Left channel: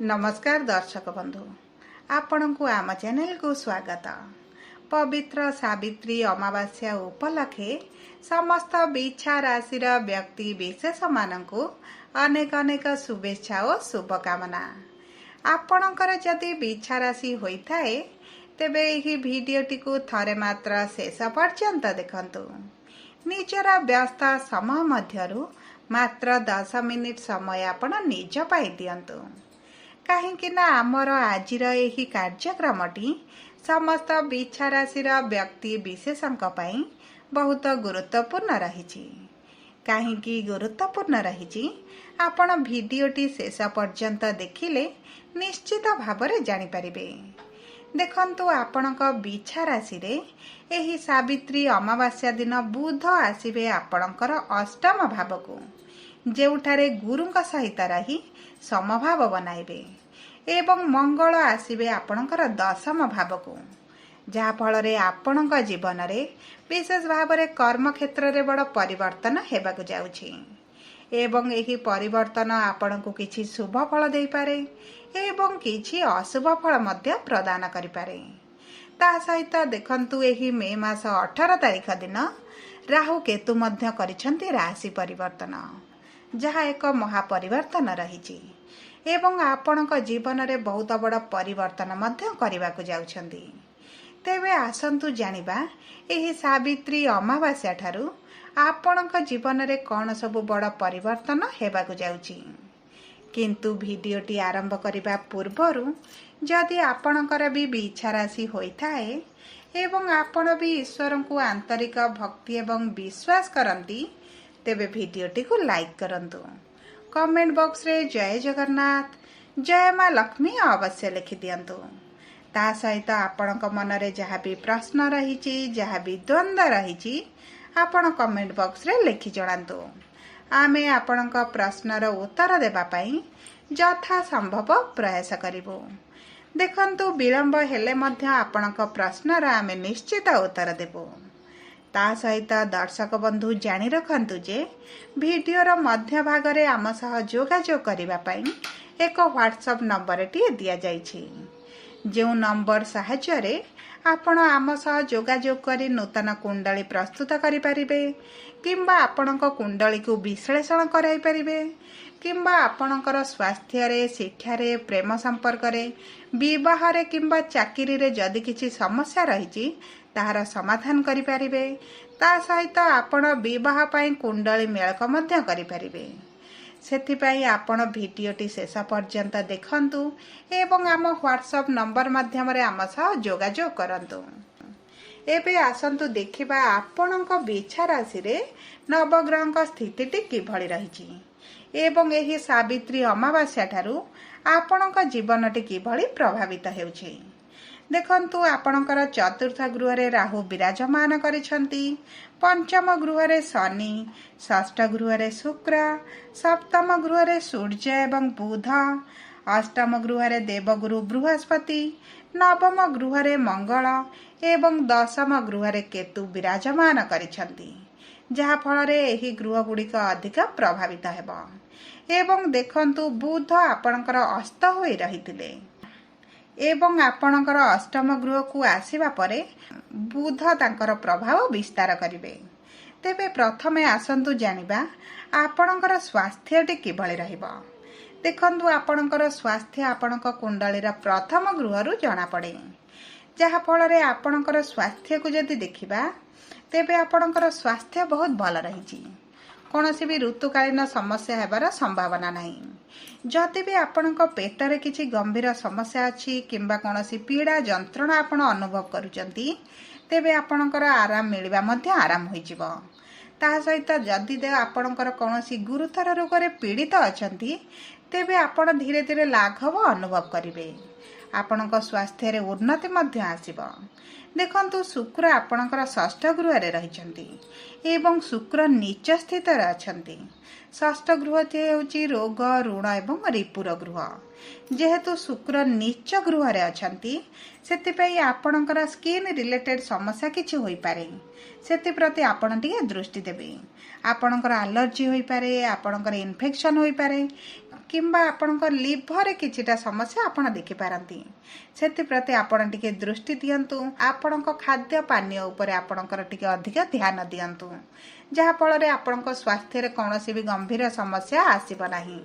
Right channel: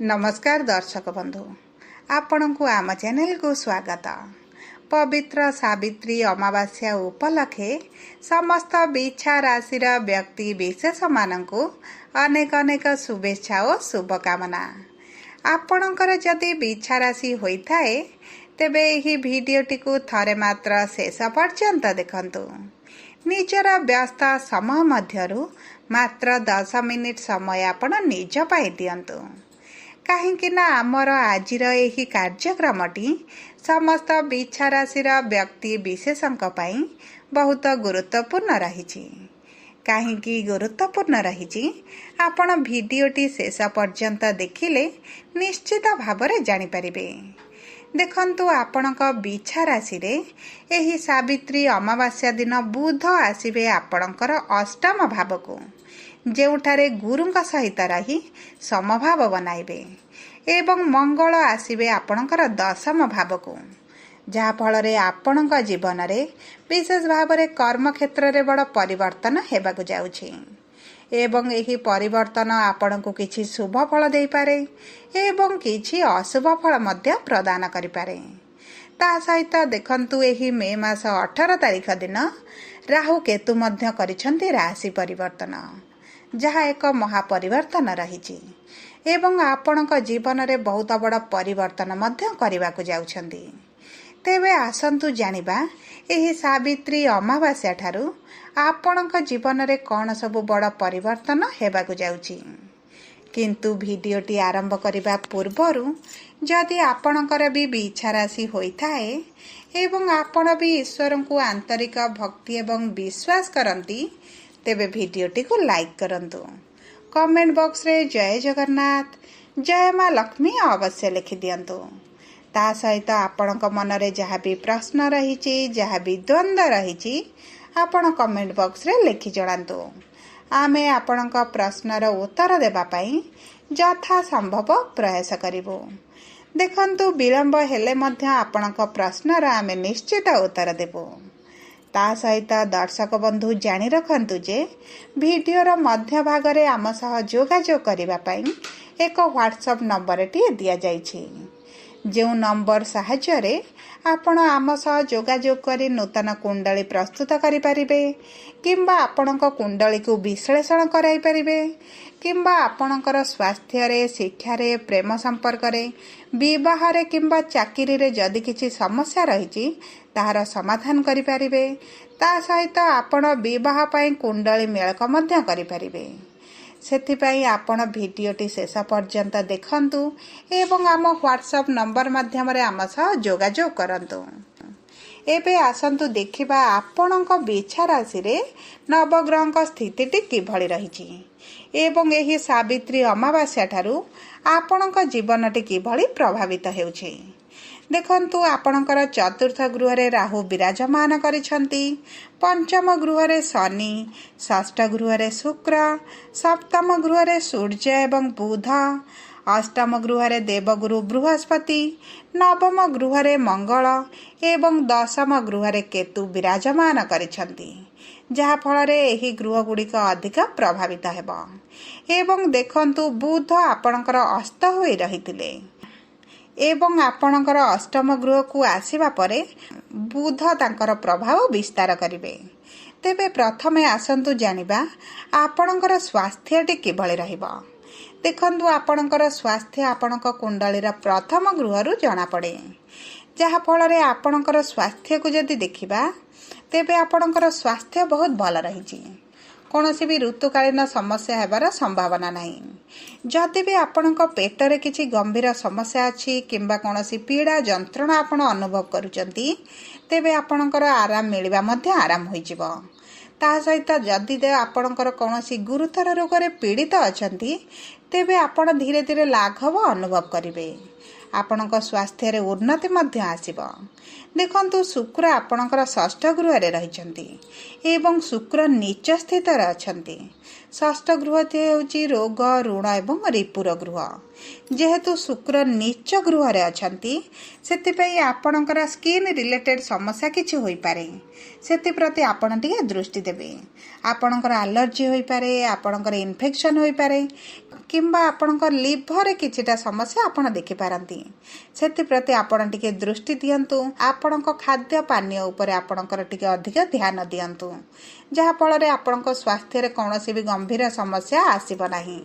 नमस्कार दर्शक बंधु, आपण को आम चैनल को स्वागत। पवित्र सावित्री अमावास्या उपलक्षे समस्त बिछा राशि व्यक्ति विशेष मानू अनेक अनेक शुभेच्छा और शुभकामना। आपणकर जदि बिछा राशि होता है तेबे यही भिडियोटी को थरे मात्र शेष पर्यंत देखंतु। निजर व्यस्त समय मध्यरु मात्र 10 मिनिट समय आपण निज पाई दियंतु। कहीं आमर आजिर यही कार्यक्रमटी समस्त बिछा राशि व्यक्ति विशेषों बहुत गुरुत्वपूर्ण रही। कहीं गुरुत्वपूर्ण रही आपण भिडियोटी शेष पर्यंत देखिले निश्चित भाव जानीपर। देखंतु आपणक बिछा राशि एही सावित्री अमावास्या दिन बुध आसिबे आपणकर अष्टम भाव को, जेउठारे गुरुंक सहित रही समभाव बनाइबे एवं मंगल आसिबे आपणकर दशम भाव को, जहा फल आपणक जीवन रे विशेष भाव रे कर्म क्षेत्र रे बड़ परिवर्तन हेबाकु जाउछि एवं एही परिवर्तन आपणको किछि शुभ फल देई पारे एवं किछि अशुभ फल मध्य प्रदान करि पारे। ता सहित देखंतु एही मे मास 18 तारिख दिन राहु केतु मध्य करिसंती राशि परिवर्तन, जहा एक महापरिवर्तन रही एवं आपणक जीवन रे बहुत बड़ परिवर्तन मध्य करबाकु जाउछंती। तेबे आसंतु जानिबा एही सावित्री अमावास्या ठारू आपणक जीवन रे कौन सब बड़ परिवर्तन हेबाकु जाउछि। किंतु भिडियोटी आरंभ करिबा पूर्वरु जदि आपणकर भी बिछा राशि होइथाए एवं आपण भी ईश्वर को आंतरिक भक्ति एवं विश्वास करंती तेबे भिडियोटी को लाइक करंतु। कमेंट बॉक्स रे जय जगन्नाथ जय माँ लक्ष्मी अवश्य लिखि दियंतु। ता सहित आपणक मन रे जहाँ भी प्रश्न रही जहाँ भी द्वंद्व रही आपण कमेंट बॉक्स रे लिखि जणांतु। आमे आपणक प्रश्नर उत्तर देबा पई यथा संभव प्रयास करिबो। देखंतु विलंब हेले मध्य आपणक प्रश्नर आमे निश्चित उत्तर देबो। ता सहित दर्शक बंधु जानी रखंतु जे भिडियोर मध्य भाग रे आम सह जोगाजोग करिबा पई एक व्हाट्सएप नंबर टी दिया जाइछि, जो नंबर साहाय्य रे आपण आम सह जोगाजोग करी नूतन कुंडली प्रस्तुत करि परिबे किंबा आपणक कुंडली को विश्लेषण कराई परिबे किंबा आपणकर स्वास्थ्य रे, शिक्षा रे, प्रेम संपर्क रे, विवाह रे किंबा चाकरी रे जदि किछि समस्या रही ताहार समाधान करि परिबे। ता सहित आपण विवाह पई कुंडली मेलक मध्य करि परिबे। सेथिपाई आपण भिडियोटी शेष पर्यंत देखंतु एवं आम व्हाट्सएप नंबर माध्यम रे आम सह जोगाजोग करंतु। एबे आसंतु देखिबा आपणक बिछा राशि रे नवग्रहक स्थितिटी किभଳି रहिछि एवं एही सावित्री अमावास्या ठारू आपणक जीवनटी किभଳି प्रभावित हेउछि। देखंतु आपणकर चतुर्थ गृह रे राहु विराजमान करिसंती, पंचम गृह रे शनि, षष्ठ गृह रे शुक्र, सप्तम गृह रे सूर्य एवं बुध, अष्टम गृह रे देवगुरु बृहस्पति, नवम गृह रे मंगल एवं दशम गृह रे केतु विराजमान करिसंती, जहा फल रे एही गृह गुड़िक अधिक प्रभावित हेबो। एवं देखंतु बुध आपणकर अस्त होई रहिथिले एवं आपणकर अष्टम गृह को आसीबा परे बुध तांकर प्रभाव विस्तार करिवे। तेबे प्रथमे आसंतु जानिबा आपणकर स्वास्थ्यटी किभଳି रहिबो। देखंतु आपणकर स्वास्थ्य आपणक कुंडलीर प्रथम गृहरु जणा पड़े, जहा फल रे आपणकर स्वास्थ्य को जदि देखिबा तेबे आपणकर स्वास्थ्य बहुत भल रहिछि। कौनसी भी ऋतुकालीन समस्या हेबार संभावना नहीं। जदि भी आपणक पेटरे किछि गंभीर समस्या अछि किंबा कौनसी पीड़ा जंत्रणा आपण अनुभव करूचंती तेबे आपणकर आराम मिलिबा मध्य आराम होई जिवो। ता सहित जदि दे आपणकर कौनसी गुरुतर रोग रे पीड़ित अछंती तेबे आपण धीरे धीरे लाघव अनुभव करिवे। आपणक स्वास्थ्य रे उन्नति मध्य आसीबो। ଦେଖନ୍ତୁ ଶୁକ୍ର ଆପଣଙ୍କର ଷଷ୍ଠ ଗୃହରେ ରହିଛନ୍ତି ଏବଂ ଶୁକ୍ର ନୀଚ ସ୍ଥିତରେ ଅଛନ୍ତି। ଷଷ୍ଠ ଗୃହଟି ହେଉଛି ରୋଗ, ଋଣ ଏବଂ ରିପୁର ଗୃହ। ଯେହେତୁ ଶୁକ୍ର ନୀଚ ଗୃହରେ ଅଛନ୍ତି, ସେଥିପାଇଁ ଆପଣଙ୍କର ସ୍କିନ୍ ରିଲେଟେଡ୍ ସମସ୍ୟା କିଛି ହୋଇପାରେ। ସେଥିପ୍ରତି ଆପଣ ଟିକେ ଦୃଷ୍ଟି ଦେବେ। ଆପଣଙ୍କର ଆଲର୍ଜି ହୋଇପାରେ, ଆପଣଙ୍କର ଇନଫେକ୍ସନ୍ ହୋଇପାରେ କିମ୍ବା ଆପଣଙ୍କ ଲିଭରରେ କିଛିଟା ସମସ୍ୟା ଆପଣ ଦେଖିପାରନ୍ତି। ସେଥିପ୍ରତି ଆପଣ ଟିକେ ଦୃଷ୍ଟି ଦିଅନ୍ତୁ। ଆପଣଙ୍କ ଖାଦ୍ୟ ପାନୀୟ ଉପରେ ଆପଣଙ୍କର ଟିକେ ଅଧିକ ଧ୍ୟାନ ଦିଅନ୍ତୁ, ଯାହାଫଳରେ ଆପଣଙ୍କ ସ୍ୱାସ୍ଥ୍ୟରେ କୌଣସି ବି ଗମ୍ଭୀର ସମସ୍ୟା ଆସିବ ନାହିଁ।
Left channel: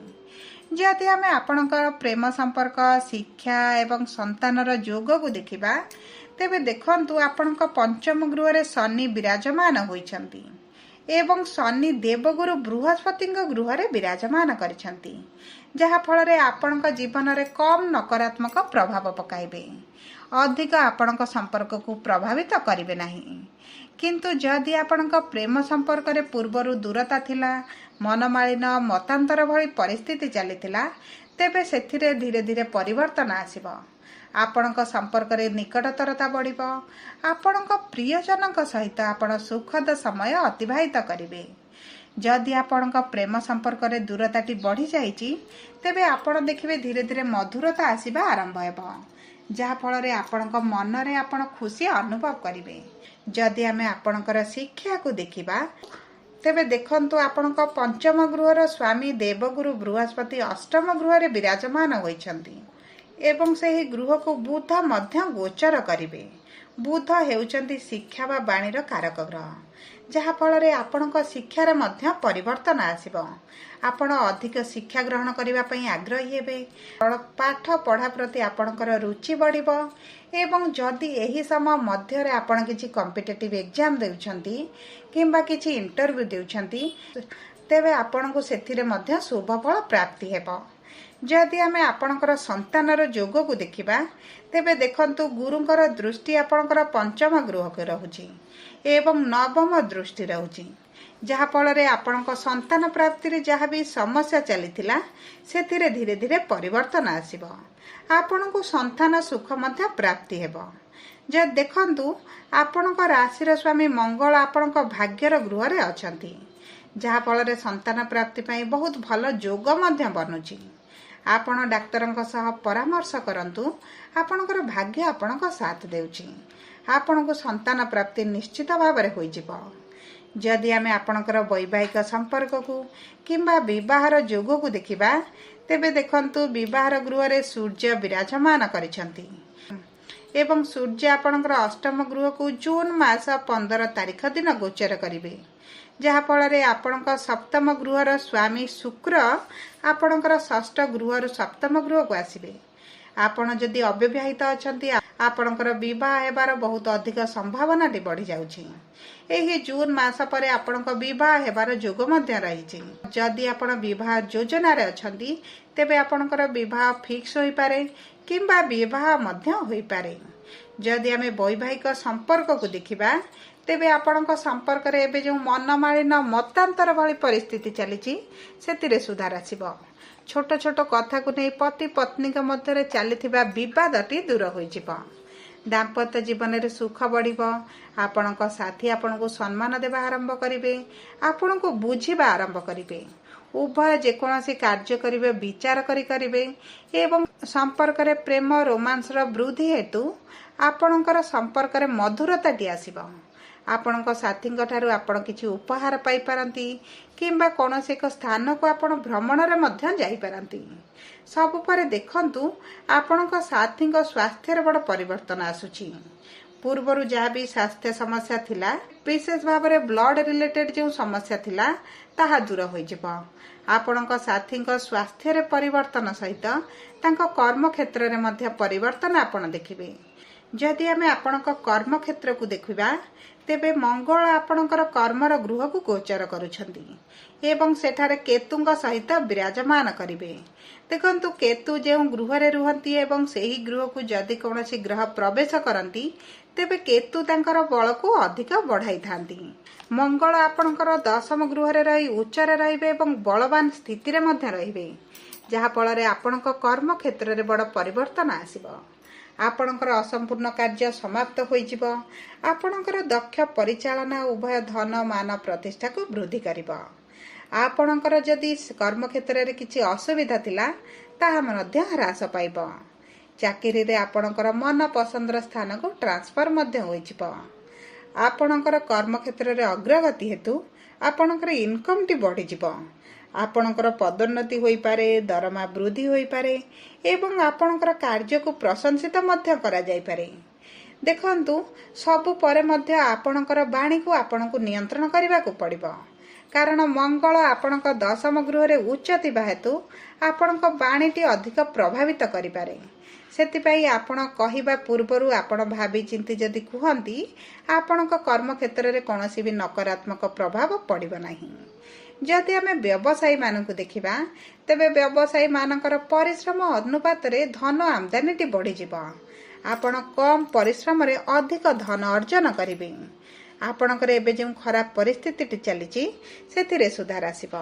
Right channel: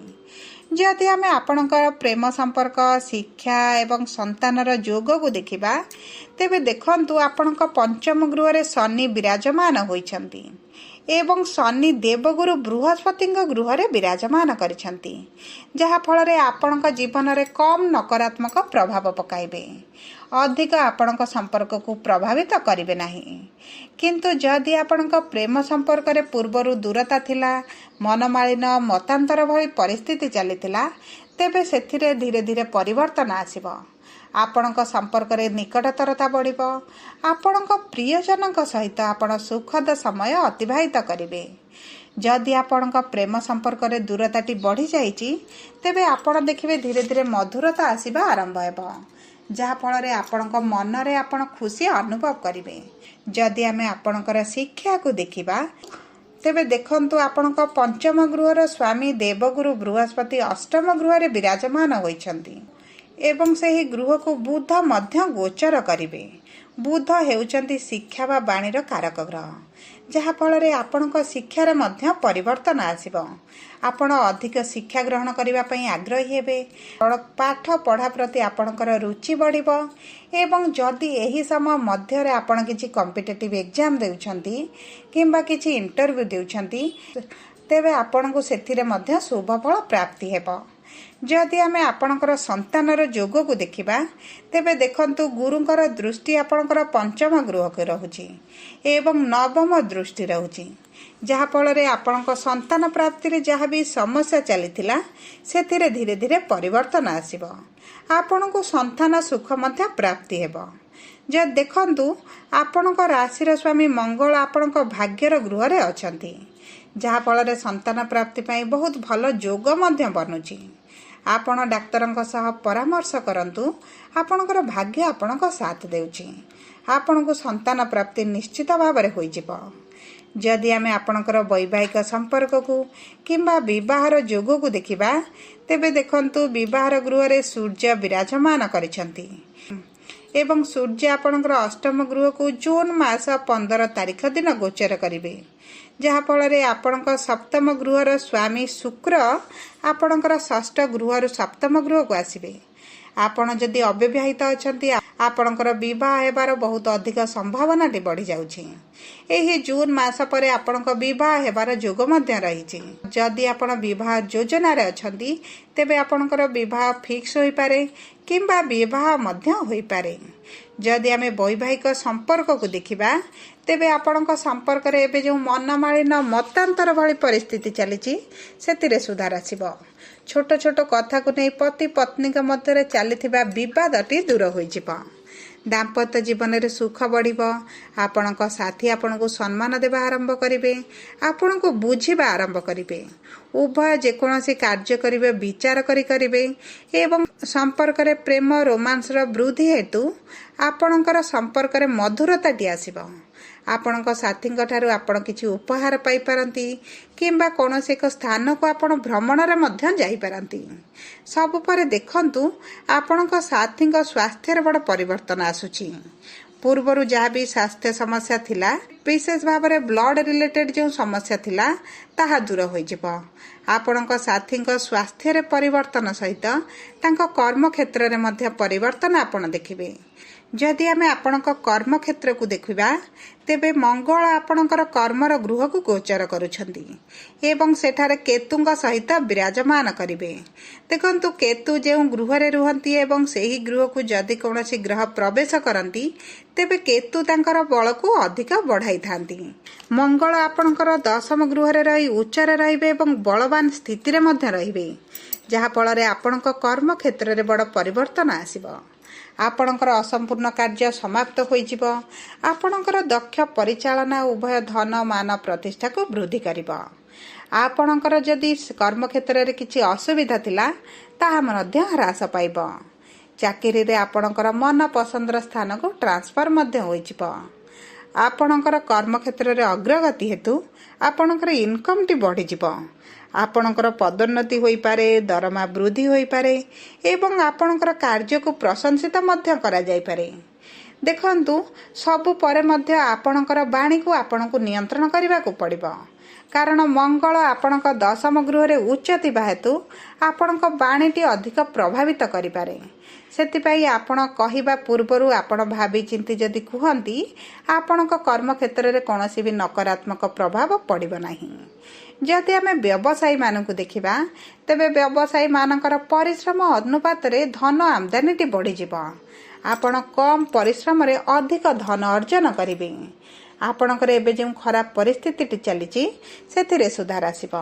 ଯଦି ଆମେ ଆପଣଙ୍କର ପ୍ରେମ ସମ୍ପର୍କ, ଶିକ୍ଷା ଏବଂ ସନ୍ତାନର ଯୋଗକୁ ଦେଖିବା, ତେବେ ଦେଖନ୍ତୁ ଆପଣଙ୍କ ପଞ୍ଚମ ଗୃହରେ ଶନି ବିରାଜମାନ ହୋଇଛନ୍ତି ଏବଂ ଶନି ଦେବଗୁରୁ ବୃହସ୍ପତିଙ୍କ ଗୃହରେ ବିରାଜମାନ କରିଛନ୍ତି, ଯାହାଫଳରେ ଆପଣଙ୍କ ଜୀବନରେ କମ୍ ନକାରାତ୍ମକ ପ୍ରଭାବ ପକାଇବେ, ଅଧିକ ଆପଣଙ୍କ ସମ୍ପର୍କକୁ ପ୍ରଭାବିତ କରିବେ ନାହିଁ। କିନ୍ତୁ ଯଦି ଆପଣଙ୍କ ପ୍ରେମ ସମ୍ପର୍କରେ ପୂର୍ବରୁ ଦୂରତା ଥିଲା, ମନମାଳିନ, ମତାନ୍ତର ଭଳି ପରିସ୍ଥିତି ଚାଲିଥିଲା, ତେବେ ସେଥିରେ ଧୀରେ ଧୀରେ ପରିବର୍ତ୍ତନ ଆସିବ। ଆପଣଙ୍କ ସମ୍ପର୍କରେ ନିକଟତରତା ବଢ଼ିବ। ଆପଣଙ୍କ ପ୍ରିୟଜନଙ୍କ ସହିତ ଆପଣ ସୁଖଦ ସମୟ ଅତିବାହିତ କରିବେ। ଯଦି ଆପଣଙ୍କ ପ୍ରେମ ସମ୍ପର୍କରେ ଦୂରତାଟି ବଢ଼ିଯାଇଛି, ତେବେ ଆପଣ ଦେଖିବେ ଧୀରେ ଧୀରେ ମଧୁରତା ଆସିବା ଆରମ୍ଭ ହେବ, ଯାହାଫଳରେ ଆପଣଙ୍କ ମନରେ ଆପଣ ଖୁସି ଅନୁଭବ କରିବେ। ଯଦି ଆମେ ଆପଣଙ୍କର ଶିକ୍ଷାକୁ ଦେଖିବା, ତେବେ ଦେଖନ୍ତୁ ଆପଣଙ୍କ ପଞ୍ଚମ ଗୃହର ସ୍ୱାମୀ ଦେବଗୁରୁ ବୃହସ୍ପତି ଅଷ୍ଟମ ଗୃହରେ ବିରାଜମାନ ହୋଇଛନ୍ତି ଏବଂ ସେହି ଗୃହକୁ ବୁଧ ମଧ୍ୟ ଗୋଚର କରିବେ। ବୁଧ ହେଉଛନ୍ତି ଶିକ୍ଷା ବା ବାଣୀର କାରକ ଗ୍ରହ, ଯାହାଫଳରେ ଆପଣଙ୍କ ଶିକ୍ଷାରେ ମଧ୍ୟ ପରିବର୍ତ୍ତନ ଆସିବ। ଆପଣ ଅଧିକ ଶିକ୍ଷା ଗ୍ରହଣ କରିବା ପାଇଁ ଆଗ୍ରହୀ ହେବେ। ପାଠ ପଢ଼ା ପ୍ରତି ଆପଣଙ୍କର ରୁଚି ବଢ଼ିବ ଏବଂ ଯଦି ଏହି ସମୟ ମଧ୍ୟରେ ଆପଣ କିଛି କମ୍ପିଟେଟିଭ୍ ଏକ୍ଜାମ୍ ଦେଉଛନ୍ତି କିମ୍ବା କିଛି ଇଣ୍ଟରଭ୍ୟୁ ଦେଉଛନ୍ତି, ତେବେ ଆପଣଙ୍କୁ ସେଥିରେ ମଧ୍ୟ ଶୁଭଫଳ ପ୍ରାପ୍ତି ହେବ। ଯଦି ଆମେ ଆପଣଙ୍କର ସନ୍ତାନର ଯୋଗକୁ ଦେଖିବା, ତେବେ ଦେଖନ୍ତୁ ଗୁରୁଙ୍କର ଦୃଷ୍ଟି ଆପଣଙ୍କର ପଞ୍ଚମ ଗୃହକୁ ରହୁଛି ଏବଂ ନବମ ଦୃଷ୍ଟି ରହୁଛି, ଯାହାଫଳରେ ଆପଣଙ୍କ ସନ୍ତାନ ପ୍ରାପ୍ତିରେ ଯାହା ବି ସମସ୍ୟା ଚାଲିଥିଲା, ସେଥିରେ ଧୀରେ ଧୀରେ ପରିବର୍ତ୍ତନ ଆସିବ। ଆପଣଙ୍କୁ ସନ୍ତାନ ସୁଖ ମଧ୍ୟ ପ୍ରାପ୍ତି ହେବ। ଯଦି ଦେଖନ୍ତୁ ଆପଣଙ୍କ ରାଶିର ସ୍ୱାମୀ ମଙ୍ଗଳ ଆପଣଙ୍କ ଭାଗ୍ୟର ଗୃହରେ ଅଛନ୍ତି, ଯାହାଫଳରେ ସନ୍ତାନ ପ୍ରାପ୍ତି ପାଇଁ ବହୁତ ଭଲ ଯୋଗ ମଧ୍ୟ ବନୁଛି। ଆପଣ ଡାକ୍ତରଙ୍କ ସହ ପରାମର୍ଶ କରନ୍ତୁ। ଆପଣଙ୍କର ଭାଗ୍ୟ ଆପଣଙ୍କ ସାଥ ଦେଉଛି। ଆପଣଙ୍କୁ ସନ୍ତାନ ପ୍ରାପ୍ତି ନିଶ୍ଚିତ ଭାବରେ ହୋଇଯିବ। ଯଦି ଆମେ ଆପଣଙ୍କର ବୈବାହିକ ସମ୍ପର୍କକୁ କିମ୍ବା ବିବାହର ଯୋଗକୁ ଦେଖିବା, ତେବେ ଦେଖନ୍ତୁ ବିବାହର ଗୃହରେ ସୂର୍ଯ୍ୟ ବିରାଜମାନ କରିଛନ୍ତି ଏବଂ ସୂର୍ଯ୍ୟ ଆପଣଙ୍କର ଅଷ୍ଟମ ଗୃହକୁ ଜୁନ୍ ମାସ 15 ତାରିଖ ଦିନ ଗୋଚର କରିବେ, ଯାହାଫଳରେ ଆପଣଙ୍କ ସପ୍ତମ ଗୃହର ସ୍ୱାମୀ ଶୁକ୍ର ଆପଣଙ୍କର ଷଷ୍ଠ ଗୃହରୁ ସପ୍ତମ ଗୃହକୁ ଆସିବେ। ଆପଣ ଯଦି ଅବିବାହିତ ଅଛନ୍ତି, ଆପଣଙ୍କର ବିବାହ ହେବାର ବହୁତ ଅଧିକ ସମ୍ଭାବନାଟି ବଢ଼ିଯାଉଛି। ଏହି ଜୁନ୍ ମାସ ପରେ ଆପଣଙ୍କ ବିବାହ ହେବାର ଯୋଗ ମଧ୍ୟ ରହିଛି। ଯଦି ଆପଣ ବିବାହ ଯୋଜନାରେ ଅଛନ୍ତି, ତେବେ ଆପଣଙ୍କର ବିବାହ ଫିକ୍ସ ହୋଇପାରେ କିମ୍ବା ବିବାହ ମଧ୍ୟ ହୋଇପାରେ। ଯଦି ଆମେ ବୈବାହିକ ସମ୍ପର୍କକୁ ଦେଖିବା, ତେବେ ଆପଣଙ୍କ ସମ୍ପର୍କରେ ଏବେ ଯେଉଁ ମନମାଳିନ, ମତାନ୍ତର ଭଳି ପରିସ୍ଥିତି ଚାଲିଛି, ସେଥିରେ ସୁଧାର ଆସିବ। ଛୋଟ ଛୋଟ କଥାକୁ ନେଇ ପତି ପତ୍ନୀଙ୍କ ମଧ୍ୟରେ ଚାଲିଥିବା ବିବାଦଟି ଦୂର ହୋଇଯିବ। ଦାମ୍ପତ୍ୟ ଜୀବନରେ ସୁଖ ବଢ଼ିବ। ଆପଣଙ୍କ ସାଥୀ ଆପଣଙ୍କୁ ସମ୍ମାନ ଦେବା ଆରମ୍ଭ କରିବେ, ଆପଣଙ୍କୁ ବୁଝିବା ଆରମ୍ଭ କରିବେ। ଉଭୟ ଯେକୌଣସି କାର୍ଯ୍ୟ କରିବେ ବିଚାର କରି କରିବେ ଏବଂ ସମ୍ପର୍କରେ ପ୍ରେମ, ରୋମାନ୍ସର ବୃଦ୍ଧି ହେତୁ ଆପଣଙ୍କର ସମ୍ପର୍କରେ ମଧୁରତାଟି ଆସିବ। ଆପଣଙ୍କ ସାଥୀଙ୍କ ଠାରୁ ଆପଣ କିଛି ଉପହାର ପାଇପାରନ୍ତି କିମ୍ବା କୌଣସି ଏକ ସ୍ଥାନକୁ ଆପଣ ଭ୍ରମଣରେ ମଧ୍ୟ ଯାଇପାରନ୍ତି। ସବୁ ପରେ ଦେଖନ୍ତୁ ଆପଣଙ୍କ ସାଥୀଙ୍କ ସ୍ୱାସ୍ଥ୍ୟରେ ବଡ଼ ପରିବର୍ତ୍ତନ ଆସୁଛି। ପୂର୍ବରୁ ଯାହା ବି ସ୍ୱାସ୍ଥ୍ୟ ସମସ୍ୟା ଥିଲା, ବିଶେଷ ଭାବରେ ବ୍ଲଡ୍ ରିଲେଟେଡ୍ ଯେଉଁ ସମସ୍ୟା ଥିଲା, ତାହା ଦୂର ହୋଇଯିବ। ଆପଣଙ୍କ ସାଥୀଙ୍କ ସ୍ୱାସ୍ଥ୍ୟରେ ପରିବର୍ତ୍ତନ ସହିତ ତାଙ୍କ କର୍ମକ୍ଷେତ୍ରରେ ମଧ୍ୟ ପରିବର୍ତ୍ତନ ଆପଣ ଦେଖିବେ। ଯଦି ଆମେ ଆପଣଙ୍କ କର୍ମକ୍ଷେତ୍ରକୁ ଦେଖିବା, ତେବେ ମଙ୍ଗଳ ଆପଣଙ୍କର କର୍ମର ଗୃହକୁ ଗୋଚର କରୁଛନ୍ତି ଏବଂ ସେଠାରେ କେତୁଙ୍କ ସହିତ ବିରାଜମାନ କରିବେ। ଦେଖନ୍ତୁ କେତୁ ଯେଉଁ ଗୃହରେ ରୁହନ୍ତି ଏବଂ ସେହି ଗୃହକୁ ଯଦି କୌଣସି ଗ୍ରହ ପ୍ରବେଶ କରନ୍ତି, ତେବେ କେତୁ ତାଙ୍କର ବଳକୁ ଅଧିକ ବଢ଼ାଇଥାନ୍ତି। ମଙ୍ଗଳ ଆପଣଙ୍କର ଦଶମ ଗୃହରେ ରହି ଉଚ୍ଚରେ ରହିବେ ଏବଂ ବଳବାନ ସ୍ଥିତିରେ ମଧ୍ୟ ରହିବେ, ଯାହାଫଳରେ ଆପଣଙ୍କ କର୍ମକ୍ଷେତ୍ରରେ ବଡ଼ ପରିବର୍ତ୍ତନ ଆସିବ। ଆପଣଙ୍କର ଅସମ୍ପୂର୍ଣ୍ଣ କାର୍ଯ୍ୟ ସମାପ୍ତ ହୋଇଯିବ। ଆପଣଙ୍କର ଦକ୍ଷ ପରିଚାଳନା ଉଭୟ ଧନ ମାନ ପ୍ରତିଷ୍ଠାକୁ ବୃଦ୍ଧି କରିବ। ଆପଣଙ୍କର ଯଦି କର୍ମକ୍ଷେତ୍ରରେ କିଛି ଅସୁବିଧା ଥିଲା ତାହା ମଧ୍ୟ ହ୍ରାସ ପାଇବ। ଚାକିରିରେ ଆପଣଙ୍କର ମନ ପସନ୍ଦର ସ୍ଥାନକୁ ଟ୍ରାନ୍ସଫର ମଧ୍ୟ ହୋଇଯିବ। ଆପଣଙ୍କର କର୍ମକ୍ଷେତ୍ରରେ ଅଗ୍ରଗତି ହେତୁ ଆପଣଙ୍କର ଇନକମ୍ଟି ବଢ଼ିଯିବ। ଆପଣଙ୍କର ପଦୋନ୍ନତି ହୋଇପାରେ, ଦରମା ବୃଦ୍ଧି ହୋଇପାରେ ଏବଂ ଆପଣଙ୍କର କାର୍ଯ୍ୟକୁ ପ୍ରଶଂସିତ ମଧ୍ୟ କରାଯାଇପାରେ। ଦେଖନ୍ତୁ, ସବୁ ପରେ ମଧ୍ୟ ଆପଣଙ୍କର ବାଣୀକୁ ଆପଣଙ୍କୁ ନିୟନ୍ତ୍ରଣ କରିବାକୁ ପଡ଼ିବ। କାରଣ ମଙ୍ଗଳ ଆପଣଙ୍କ 10ମ ଗୃହରେ ଉଚ୍ଚ ଥିବା ହେତୁ ଆପଣଙ୍କ ବାଣୀଟି ଅଧିକ ପ୍ରଭାବିତ କରିପାରେ। ସେଥିପାଇଁ ଆପଣ କହିବା ପୂର୍ବରୁ ଆପଣ ଭାବିଚିନ୍ତି ଯଦି କୁହନ୍ତି, ଆପଣଙ୍କ କର୍ମକ୍ଷେତ୍ରରେ କୌଣସି ବି ନକାରାତ୍ମକ ପ୍ରଭାବ ପଡ଼ିବ ନାହିଁ। ଯଦି ଆମେ ବ୍ୟବସାୟୀମାନଙ୍କୁ ଦେଖିବା, ତେବେ ବ୍ୟବସାୟୀମାନଙ୍କର ପରିଶ୍ରମ ଅନୁପାତରେ ଧନ ଆମଦାନୀଟି ବଢ଼ିଯିବ। ଆପଣ କମ୍ ପରିଶ୍ରମରେ ଅଧିକ ଧନ ଅର୍ଜନ କରିବେ। ଆପଣଙ୍କର ଏବେ ଯେଉଁ ଖରାପ ପରିସ୍ଥିତିଟି ଚାଲିଛି ସେଥିରେ ସୁଧାର ଆସିବ।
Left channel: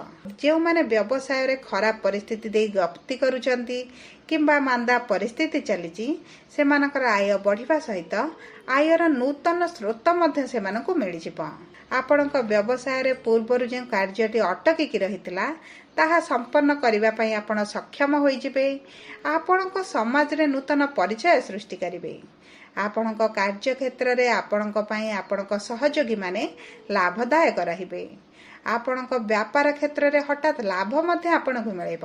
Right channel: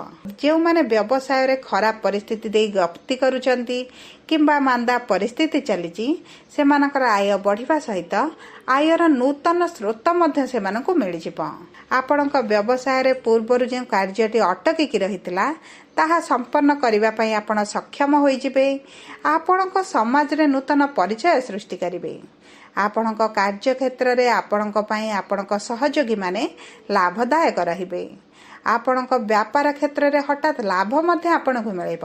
ଯେଉଁମାନେ ବ୍ୟବସାୟରେ ଖରାପ ପରିସ୍ଥିତି ଦେଇ ଗତି କରୁଛନ୍ତି କିମ୍ବା ମାନ୍ଦା ପରିସ୍ଥିତି ଚାଲିଛି, ସେମାନଙ୍କର ଆୟ ବଢ଼ିବା ସହିତ ଆୟର ନୂତନ ସ୍ରୋତ ମଧ୍ୟ ସେମାନଙ୍କୁ ମିଳିଯିବ। ଆପଣଙ୍କ ବ୍ୟବସାୟରେ ପୂର୍ବରୁ ଯେଉଁ କାର୍ଯ୍ୟଟି ଅଟକିକି ରହିଥିଲା ତାହା ସମ୍ପନ୍ନ କରିବା ପାଇଁ ଆପଣ ସକ୍ଷମ ହୋଇଯିବେ। ଆପଣଙ୍କ ସମାଜରେ ନୂତନ ପରିଚୟ ସୃଷ୍ଟି କରିବେ। ଆପଣଙ୍କ କାର୍ଯ୍ୟକ୍ଷେତ୍ରରେ ଆପଣଙ୍କ ପାଇଁ ଆପଣଙ୍କ ସହଯୋଗୀମାନେ ଲାଭଦାୟକ ରହିବେ। ଆପଣଙ୍କ ବ୍ୟାପାର କ୍ଷେତ୍ରରେ ହଠାତ୍ ଲାଭ ମଧ୍ୟ ଆପଣଙ୍କୁ ମିଳିବ।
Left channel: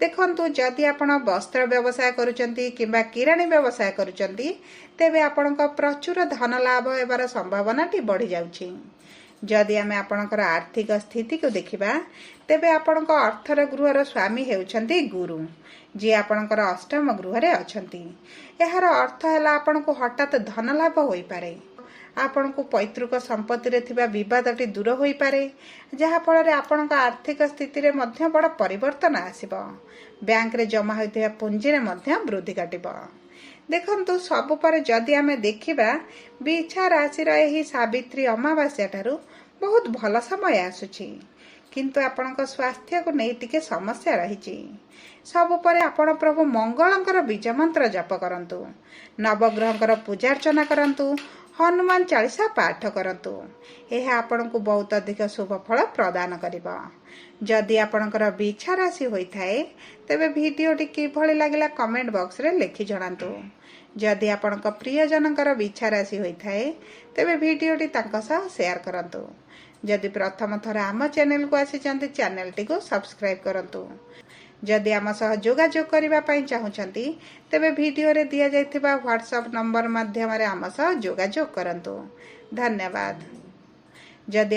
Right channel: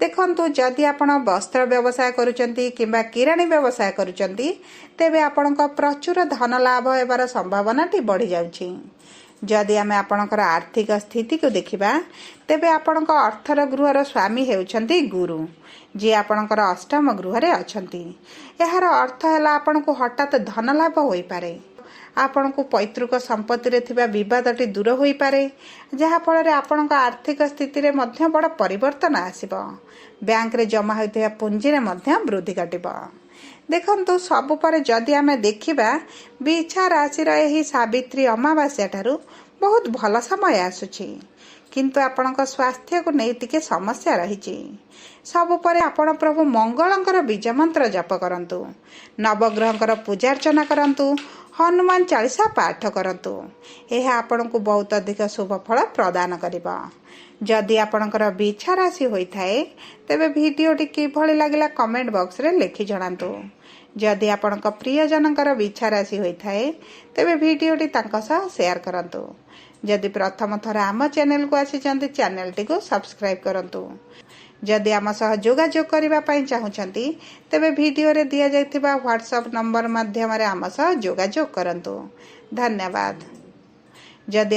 ଦେଖନ୍ତୁ, ଯଦି ଆପଣ ବସ୍ତ୍ର ବ୍ୟବସାୟ କରୁଛନ୍ତି କିମ୍ବା କିରାଣୀ ବ୍ୟବସାୟ କରୁଛନ୍ତି, ତେବେ ଆପଣଙ୍କ ପ୍ରଚୁର ଧନ ଲାଭ ହେବାର ସମ୍ଭାବନାଟି ବଢ଼ିଯାଉଛି। ଯଦି ଆମେ ଆପଣଙ୍କର ଆର୍ଥିକ ସ୍ଥିତିକୁ ଦେଖିବା, ତେବେ ଆପଣଙ୍କ ଅର୍ଥର ଗୃହର ସ୍ୱାମୀ ହେଉଛନ୍ତି ଗୁରୁ, ଯିଏ ଆପଣଙ୍କର 8ମ ଗୃହରେ ଅଛନ୍ତି। ଏହାର ଅର୍ଥ ହେଲା ଆପଣଙ୍କୁ ହଠାତ୍ ଧନ ଲାଭ ହୋଇପାରେ। ଆପଣଙ୍କୁ ପୈତୃକ ସମ୍ପତ୍ତିରେ ଥିବା ବିବାଦଟି ଦୂର ହୋଇପାରେ, ଯାହାଫଳରେ ଆପଣଙ୍କ ଆର୍ଥିକ ସ୍ଥିତିରେ ମଧ୍ୟ ବଡ଼ ପରିବର୍ତ୍ତନ ଆସିବ। ବ୍ୟାଙ୍କରେ ଜମା ହୋଇଥିବା ପୁଞ୍ଜିରେ ମଧ୍ୟ ବୃଦ୍ଧି ଘଟିବ। ଦେଖନ୍ତୁ, ସବୁ ପରେ ଯଦି ଆମେ ଦେଖିବା, ବିଛା ରାଶିର ଏହି ସାବିତ୍ରୀ ଅମାବାସ୍ୟା ଠାରୁ ବହୁତ ଭଲ ସମୟ ଆସୁଛି, କିନ୍ତୁ ଆପଣଙ୍କ ସ୍ୱାସ୍ଥ୍ୟକୁ ନେଇ ଟିକେ ସମସ୍ୟା ରହିଛି। ସବୁ ପରେ ଆପଣ ପ୍ରଭୁ ମଙ୍ଗଳଙ୍କର ବୀଜ ମନ୍ତ୍ର ଜପ କରନ୍ତୁ, ନବଗ୍ରହଙ୍କର ପୂଜାର୍ଚ୍ଚନା କରନ୍ତୁ, ହନୁମାନ ଚାଳିଶା ପାଠ କରନ୍ତୁ। ଏହା ଆପଣଙ୍କୁ ବହୁତ ଅଧିକ ଶୁଭ ଫଳ ପ୍ରଦାନ କରିବ। ଯଦି ଆପଣଙ୍କର ବିଛା ରାଶି ହୋଇଥାଏ, ତେବେ ଭିଡ଼ିଓଟି କିଭଳି ଲାଗିଲା କମେଣ୍ଟ ବକ୍ସରେ ଲେଖି ଜଣାନ୍ତୁ। ଯଦି ଆପଣଙ୍କ ପ୍ରିୟଜନଙ୍କର ବିଛା ରାଶି ହୋଇଥାଏ, ତେବେ ଭିଡ଼ିଓଟି ତାଙ୍କ ସହ ସେୟାର କରନ୍ତୁ। ଯଦି ପ୍ରଥମ ଥର ଆମ ଚ୍ୟାନେଲକୁ ଆସିଛନ୍ତି, ଚ୍ୟାନେଲଟିକୁ ସବସ୍କ୍ରାଇବ୍ କରନ୍ତୁ। ଯଦି ଆମ ସହ ଯୋଗାଯୋଗ କରିବା ପାଇଁ ଚାହୁଁଛନ୍ତି, ତେବେ ଭିଡ଼ିଓରେ ଦିଆଯାଇଥିବା ହ୍ୱାଟ୍ସଆପ୍ ନମ୍ବର ମାଧ୍ୟମରେ ଆମ ସହ ଯୋଗାଯୋଗ କରନ୍ତୁ। ଧନ୍ୟବାଦ। ଯଦି